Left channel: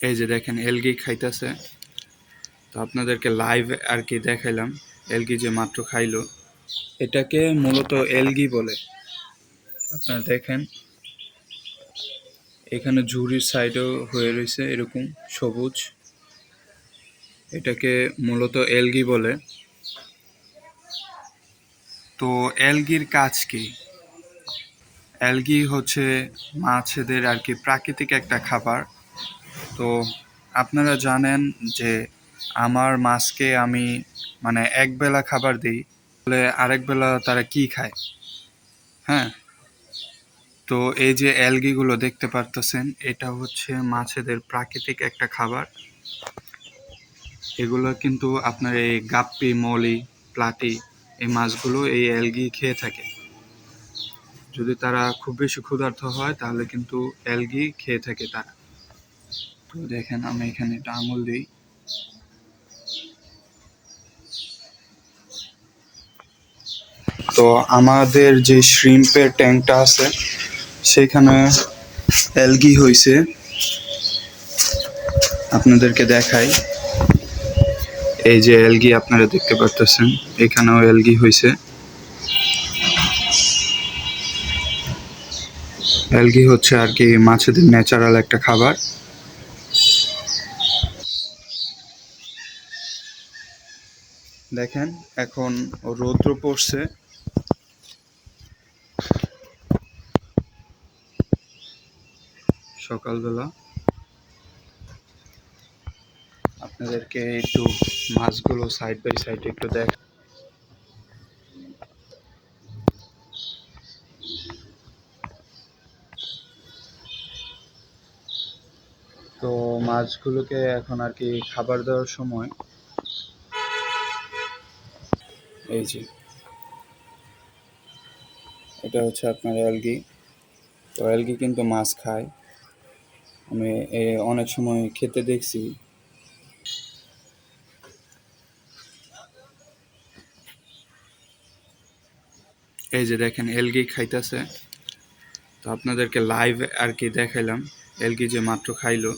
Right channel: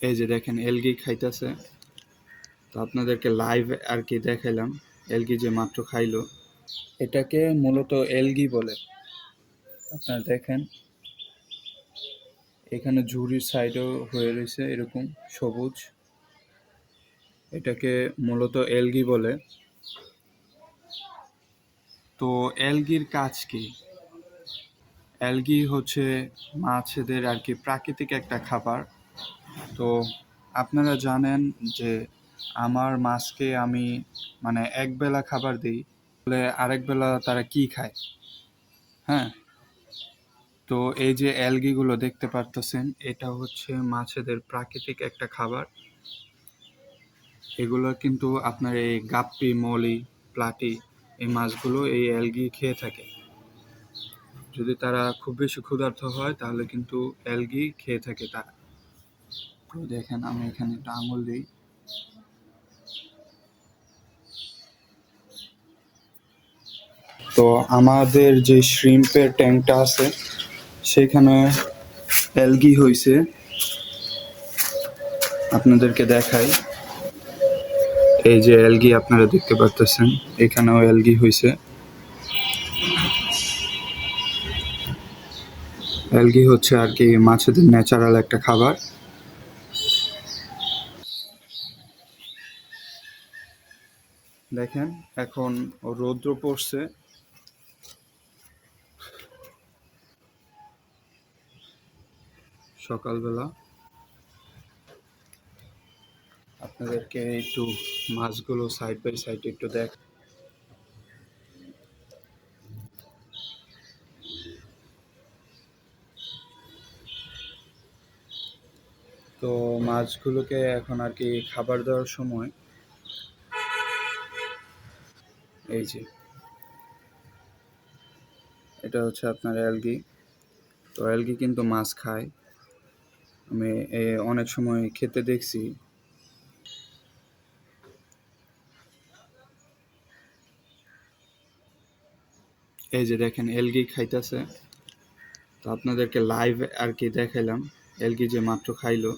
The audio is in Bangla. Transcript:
এই যে দেখেন এলগি খাইতেছে। তো আপনাদেরকে লাইভ আর কি দেখাইলাম এলগি যে মাত্র খাইলো। এটাকে মূলত এলগি বলে। আপনারা দেখেন এখানে ঝুড়ির সাইডেও হয়ে রয়েছে এরকম সবুজ। এটাকে মূলত এলগি বলে। তো এলগির কাজ কি? অ্যালগি হচ্ছে মাছেদের আর কি প্রাকৃতিক একটা খাবার। তো আপনারা জানেন যে আমার মাছকে আমি মানে একবেলা খাবার দিই, বলে আরেক বেলা তারা কি খায়? হ্যাঁ, তো এই যে অ্যালগিগুলো দেখতে পারতেছেন, এটা হচ্ছে মাছেদের প্রাকৃতিক একটা খাবার। এগুলো কিন্তু আপনার এই গাপ্পি, মলি, প্লাটি এই মাছগুলো এই অ্যালগি খেয়ে থাকে। যদি তারা খুব বেশি ক্ষুধার্ত হয় তাহলে কিন্তু অ্যালগি খেয়ে থাকে তারা। তো দেখেন আমি এখানে একটা আঙুল দিই। তো আমাদের যে শ্রিম্পের ট্যাঙ্কটা আছে সেখানে অ্যালগি হয়েছে, আপনাদেরকে দেখাই। এই যে অ্যালগি আপনারা দেখতে পারতেছেন, এখানেও অ্যালগি হয়েছে। অ্যালগি হচ্ছে আর কি মাছেদের ন্যাচারাল একটা খাবার। দেখেন এখন রৌদ্র পড়ছে, সকালবেলা। আপনাদেরকে একটু মাছগুলো সাইড বাই সাইড একটু দেখ। তো মাছগুলোকে এখন আর কি খাবার দেওয়ার সময় এই যে এটা হচ্ছে আপনার অ্যালগি। তো অ্যালগি কিন্তু মাছ খায়, আমি অনেক সময় খেতে দেখছি। এই যে দেখেন অ্যালগি খাইতেছে। তো আপনাদেরকে লাইভ আর কি দেখাইলাম এলগি যে মাত্র খাইলো।